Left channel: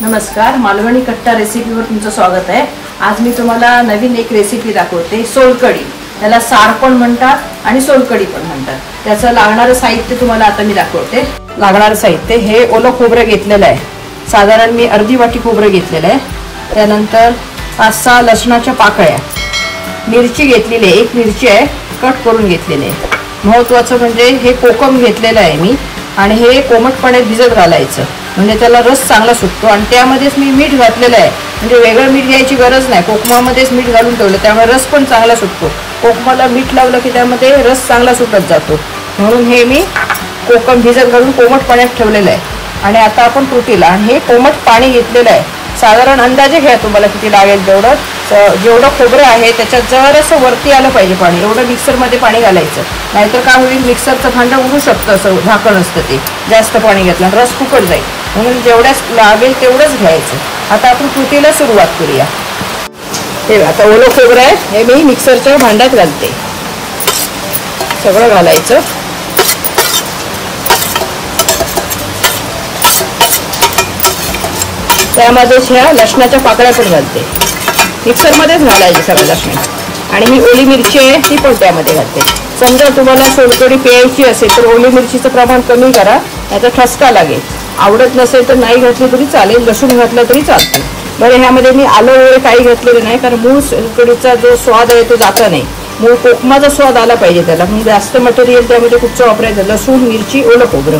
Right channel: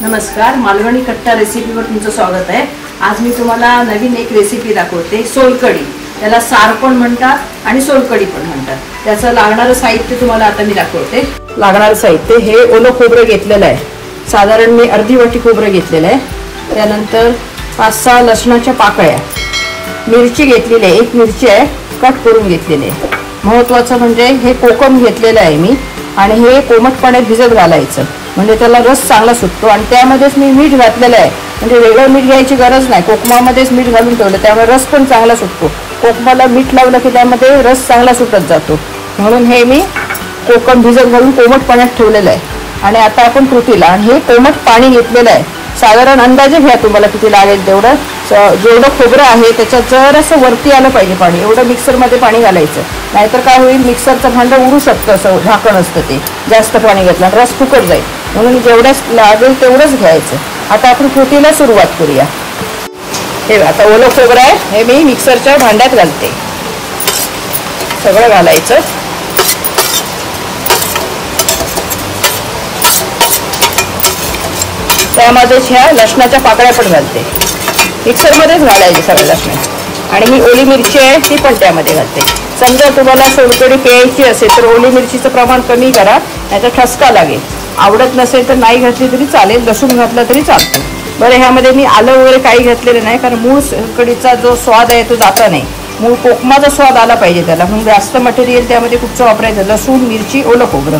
नमस्कार, मालवणी कट्टा रेसिपीवर तुमचं स्वागत आहे। आज मी तुम्हाला नवीन एक रेसिपी दाखवते, सोलकढी। त्याला सार पण म्हणतात आणि सोलकढी पण म्हणतात। त्याचं लागणारं साहित्य तुम्हाला आता मी दाखवते। लागणारं साहित्य हे ओलं खोबरं घेतलेलं आहे, साधारण मी अर्धी वाटी खोबरं घेतलेलं आहे। त्यानंतर 5-6 लसणाच्या पाकळ्या, मिरची घेतलेली आहे, एक मिरची आहे कट करून घेतलेली आहे। महत्त्वाचं म्हणजे हे कोकम घेतलेलं आहे मी, आणि हे कोमट पाण्यात भिजत घालायचं म्हणजे त्याला रस चांगला सुटतो। आणि त्यामध्येच मी मीठ घातलेलं आहे, म्हणजे वेगळं मीठ घ्यायची गरज नाही, कोकमामध्येच मीठ घालून ठेवलं त्यामुळे रस पण चांगला सुटतो। कोकमाला मीठ लावलं की त्यामध्ये रस चांगला सुटत जातो, म्हणून हे मी कोकम भिजत घालून कोमट पाण्यात ठेवलेलं आहे। आणि आता आपण कृतीला, आणि हे कोमट पाणी घेतलेलं आहे, साधारण अंदाजे घ्या तुम्हाला किती लागेल तेवढं। जेवढं खोबरं आहे त्याच्यात जरासं वरती आलं पाहिजे पाणी, एवढं मिक्सरमध्ये पाणी घालायचं, नाहीतर काय होईल मिक्सरचं भांडं उडू शकतं, असं झाकण असतं ते, जास्त पाणी घातलं रस फुकट जाईल, म्हणून जेवढ्याच लागेल तेवढंच घ्यायचं। आता आपण कृतीला सुरुवात करूया। हे आता ओलं खोबरं आहे, हे मी मिक्सरच्या भांड्यात घालते, सगळं घालायचं। त्यामध्येच ह्या लसणाच्या पाकळ्या पण घालते, मिक्सरमध्येच घालायचे सगळं लसूण। आणि ही ओली मिरची आहे ती पण त्यामध्ये घालते। समजा तुम्हाला सोलकढी प्यायची असेल तर ओली मिरचीचं प्रमाण कमी करा, नाहीतर ठसका लागेल। आवडत नसेल तर नाही घातली तरी चालेल, लसूण घातलं तरी चालतं। बरं, ह्यामध्ये मी आलं वगैरे काही घातलेलं नाही, कारण मूळ सोलकढीचा जो स्वाद आहे तो जाता नाही, मूळ कोकमाचा स्वाद आला पाहिजे त्याला, म्हणून जास्त मटेरियल त्यामध्ये कुठचं वापरायचं, लसूण मिरची ओलं खोबरं।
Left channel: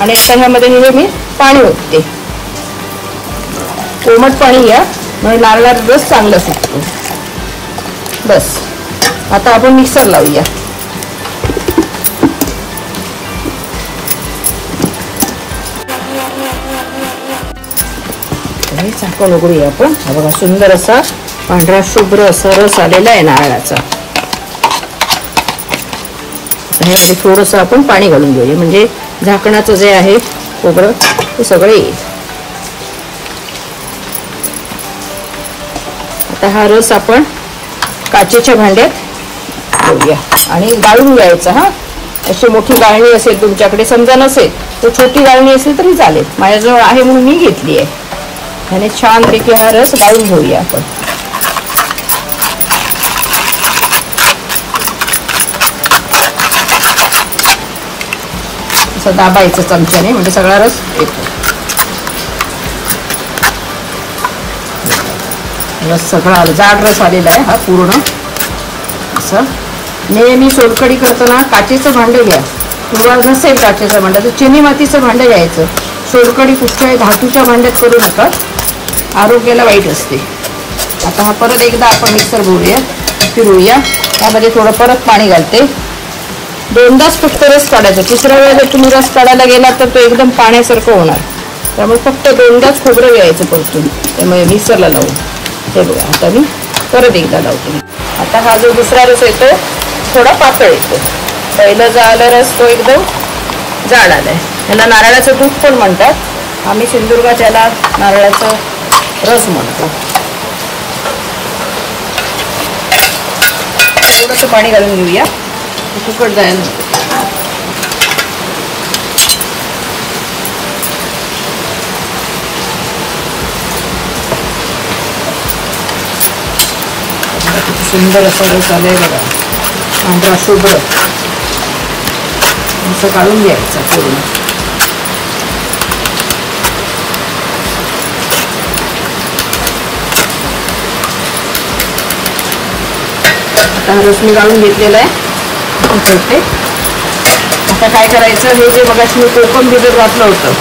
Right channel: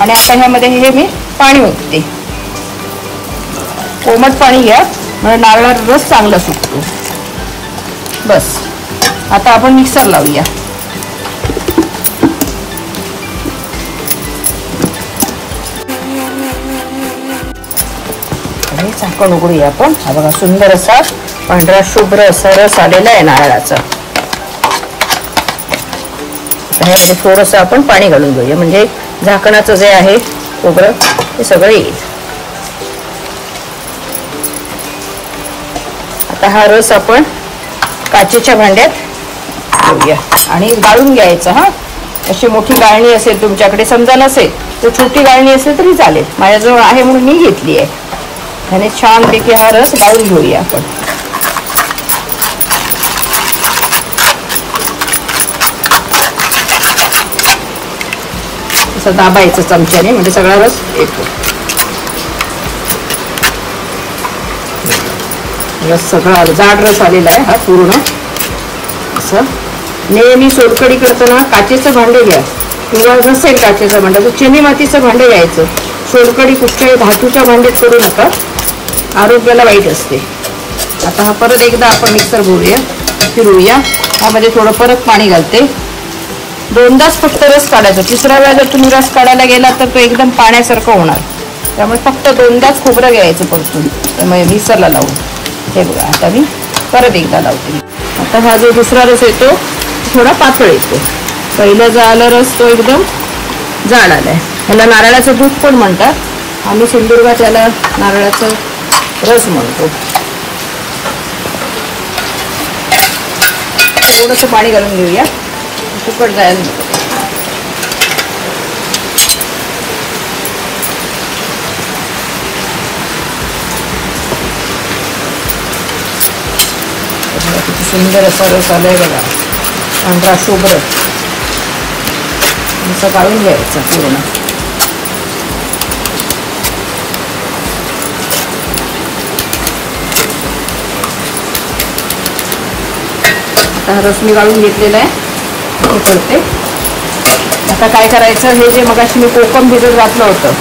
आणि आता ह्यामध्ये हे मी पाणी ओतते, कोमट पाणी घ्या म्हणजे नारळात रस चांगला सुटतो। बस, आता आपण मिक्सर लावूया। झाकण उघडूया आपण। हा बघा, सुंदर असा पांढरा शुभ्र असा रस आलेला आहे नारळाचा। ह्यामध्ये थोडंसं आपण पाणी घालून घेऊया, म्हणजे झाकणाचं जे आहे खोबरं ते सगळं येईल। आता हा रस आपण काचेच्या भांड्यात घेऊया आणि गाळून घ्यायचा। हा, अशी मोठी गाळणी असेल तुमच्याकडे, समजा नसेल तर छोटी गाळणी असेल तरी चालेल, माझ्याजवळ आहे म्हणून मी घेतली आहे। आणि छानपैकी हा रस गाळून घेऊया आपण। असं दाबायचं चमच्याने म्हणजे सगळा रस येतो। रस सगळा जाड रस आलेला आहे हा पूर्ण। असं नेहमी सोलकढी करताना काचेचं भांडं घ्या, किंवा नसेल काचेचं भांडं तर चिनी मातीचं भांडं घ्यायचं। सोलकढी कुठच्या धातूच्या भांड्यात करू नका, आरोग्याला वाईट असते। आता हा परत एकदा आपण मिक्सर फिरवूया। त्यामध्ये थोडं परत पाणी घालते, 2दाच फक्त रस काढायचा, 3ऱ्या वेळा जर तुम्ही रस काढायला गेला तर तो एकदम पाण्यासारखं होणार, त्यामुळे फक्त 2दाच खोबरं घ्यायचं परतून, त्यामुळे मिक्सरला लावून। हे बघा, आता मी परत एकदा लावते। आता हा जो दुसरा रस येतो थोडा पातळ येतो, पहिला जो आला रस तो एकदम जाड आलाय। ह्याला नारळाचं दूध पण म्हणतात, आम्ही सिंधुदुर्गात याला नारळाचं रस म्हणतो। थोडंसं पाणी घालून घेऊया, फुकट जायला नको। सुंदर असा रस आलाय बघा, पांढरा शुभ्र, असं काढून घ्यायचं पूर्ण। आता रस मी गाळून घेतलेला आहे करते। आता काय करायचं, हे जे मगाशी मी कोकम भिजत घातलं होतं,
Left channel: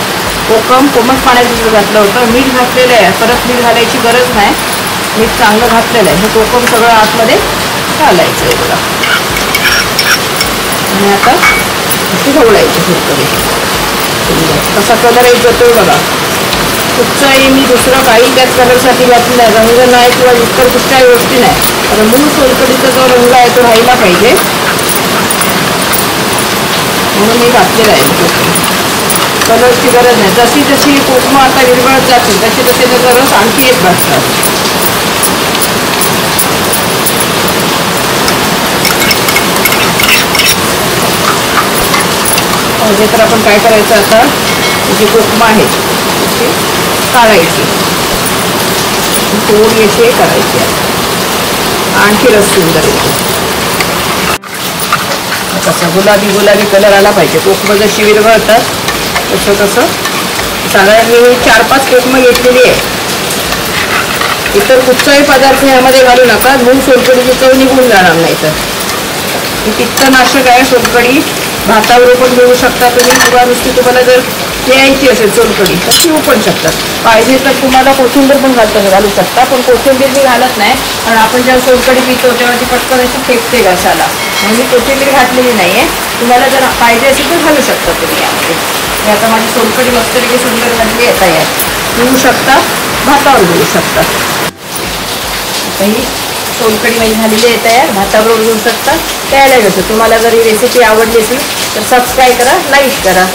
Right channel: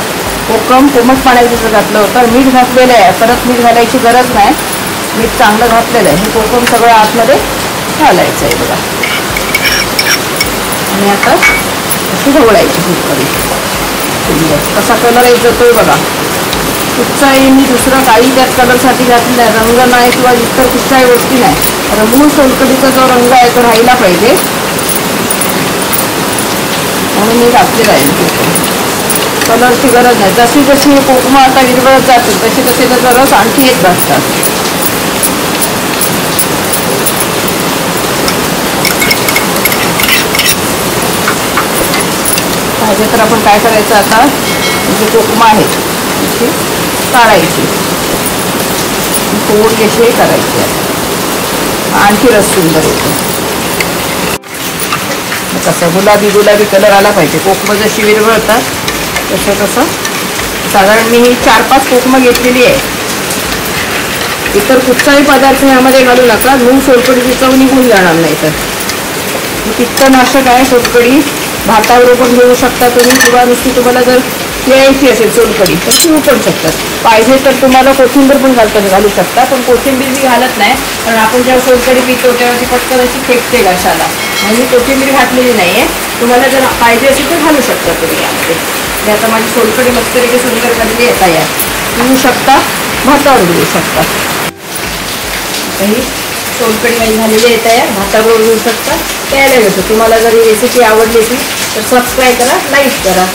कोकम कोमट पाण्यात घातलं होतं, मीठ घातलेलं आहे, परत मीठ घालायची गरज नाही, मीठ चांगलं घातलेलं आहे। हे कोकम सगळं आतमध्ये घालायचं आहे बघा, आणि आता अशी ढवळायची फुलकडी। कसा कलर येत जातोय बघा, कुठचाही मी दुसरं काही त्यात कलरसाठी घातलं नाही, रंग नाही किंवा दुसरं कुठच्याही गोष्टी नाही, तर मूळ सोलकढीचा जो रंग आहे तो राहिला पाहिजे म्हणून मी घातलेला आहे। कलरची गरज नाही, जशी जशी कोकम आता विरघळत जाते तशी तशी त्याचा रस आणखी एक घालतात। ह्याच्यात आपण काय करायचं आता, जे कोकमा आहे काढायची, थोडी अशी करायची, आणखी रस सुंदर येते. कसं गुलाबी गुलाबी कलर आला पाहिजे. कोकमं जशी विरघळतात तसं तसं साधारण मी ही 4-5 कोकमं घेतलेली आहे. इतर कुठचाही पदार्थ यामध्ये घालू नका, मूग सोलकढीची चव निघून जाणार नाही. तर पित्तनाशक आहे सोलकढी, भाताबरोबर पण घेऊ शकता तुम्ही, किंवा नुसती तुम्हाला जर प्यायची असेल सोलकढी तर पिऊ पण शकतात. पाहिजे तर तुम्हाला कोथिंबीर पण घालू शकता, पण कोथिंबीर मी घालत नाही, कारण आपण जेव्हा सोलकढी पितो तेव्हा ती पटकन अशी फेकते घशाला, म्हणजे कोथिंबीर घातलेली नाही आहे. तुम्हाला जर पाहिजे असेल तर घालू शकता तुम्ही यामध्ये. आता माझी सोलकढी मस्तपैकी सुंदर झालेली आहे तयार, पिऊ शकता, भातावर घेऊ शकता. ही सोलकढी माझी झालेली आहे तयार, भाताबरोबर घेऊ शकता, प्यायला घेतो. तुम्हाला जर ही रेसिपी आवडली असेल तर सबस्क्राईब करा, लाईक करा.